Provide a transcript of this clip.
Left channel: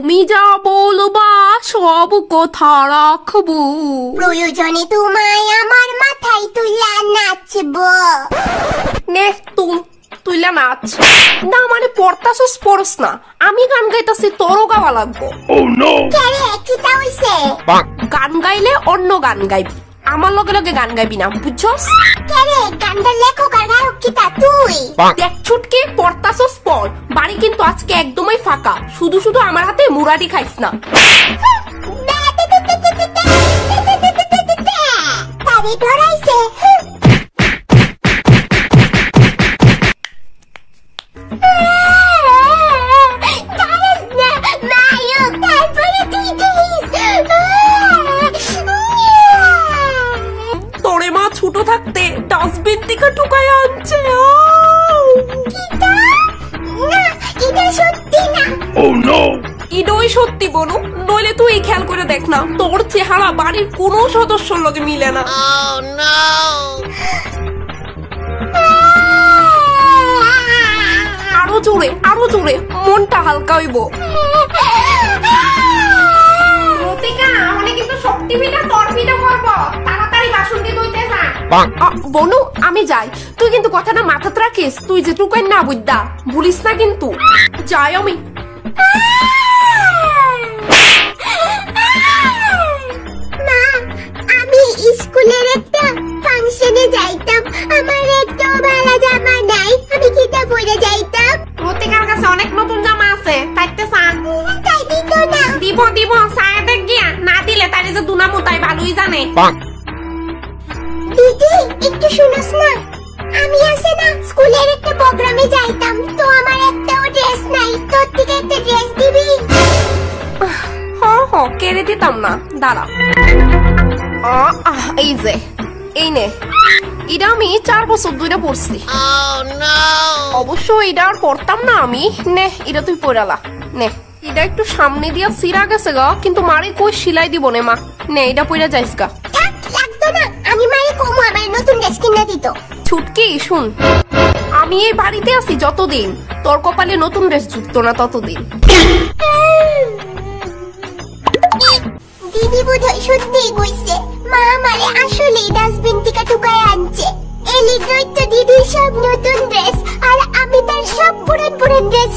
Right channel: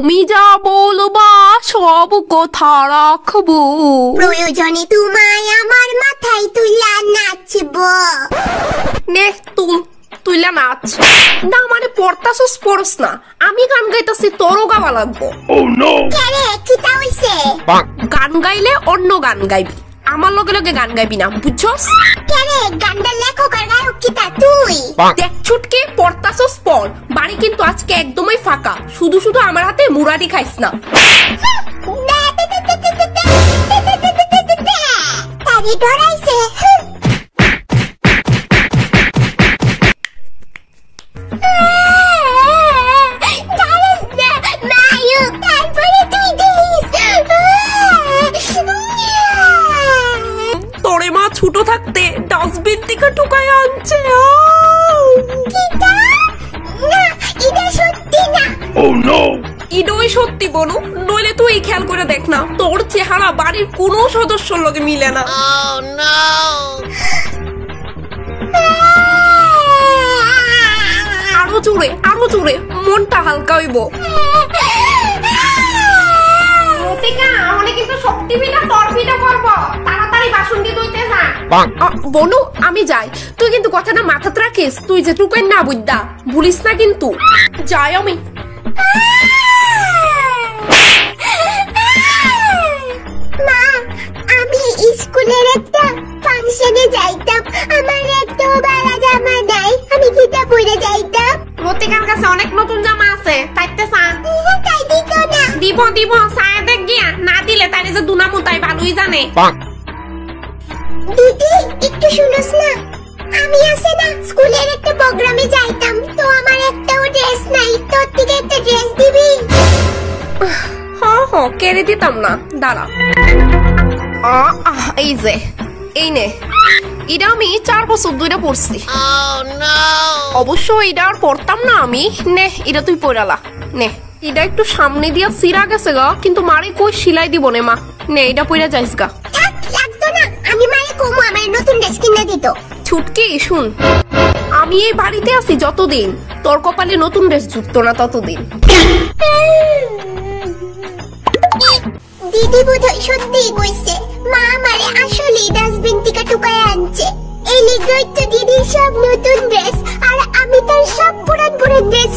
তুমি যা বলবা সব কথা রাখবো, প্রয়োজনে তোমায় আমার মাথায় তুইলা নাচবো। নে তুইলা নাচ। না মানে পড়তাছস পড়স না, আমি গান গাইতাছি তোরও গাওয়া লাগবো। গান গাইলে অন্য গান গাইবি, আমার লগে লগে গান গাইবি না, বুঝছস? দেখ ছুটকে পড়তাছস পড়, বাড়ি কিন্তু আজকে একদমই ফাঁকা, শুধু শুধু আমার হাতে মুরাদি খাইস না। তোরে মা ছোট থাকতে ডাস্টবিন থেকে ঢুকায় আনছে। ইডই সত্যি বনু, নইলে তুই খেয়াল করে দেখ না, তোর চেহারা বাড়ির কোনো সদস্যর লগে মিলে না। আরো জোরে মনটা হালকা হইব। কিন্তু শক্তি পিঠা তোর পিঠা করবো, তাড়াতাড়ি বাসন দিয়ে ধুইতে থাক। বনু আমি যাই, তুই কিন্তু কথাটা মাথাতে রাখিস, তুই যে টুকাই না বুঝদা ভুলিস না কিন্তু। যাই আমি। মা, আমি স্কুলের একটা ফাংশনে যাইতাম, আমার একটা ভালো জামা নাই, আমি কিটা পরে যাইতাম? রতিকার কাছে অনেক নতুন জামা আছে, তাইতে চা তাই দিত না। দিব সায়াতে গিয়া, না দিলে তাই যে দুনামু তাই ভালোই জানে। দিদি একটু শুনোস না, আমি আছে না স্কুলের একটা প্রোগ্রামে যাইতাম, তো আমার একটাও ড্রেস নাই, তোর দিকে একটা ড্রেস দিবি? কেড়ে দিতাম না, দাঁড়া। এই যে এই নে, এটা আমি 4 বছর ধরে পড়ছি। অবশ্য এটা আর পড়তাম না আমি। নে এটা তুই পড়ালা, নে এটা একটু সামনে দিয়া ফিরা গেছে গা, কিন্তু মারে কই সিলাই দিব নে মা, নে এটা পড়া যাইস গা। লাগতো না, আমি মারে কমু আমার নতুন ড্রেস কিনে দিত। ছুটকি শুন, আমি এই বাড়িতে আছি যতদিন, তোর কপালে নতুন ড্রেস জুটতো না ততদিন। দিদি বোধহয় সত্যিই কইছে, মা আমারে আসলেই ডাস্টবিন থেকে টুকায় আনছে। এই লিগই তো দিদির সব নতুন ড্রেস, আর আমি তার সব পুরান পুরান ড্রেস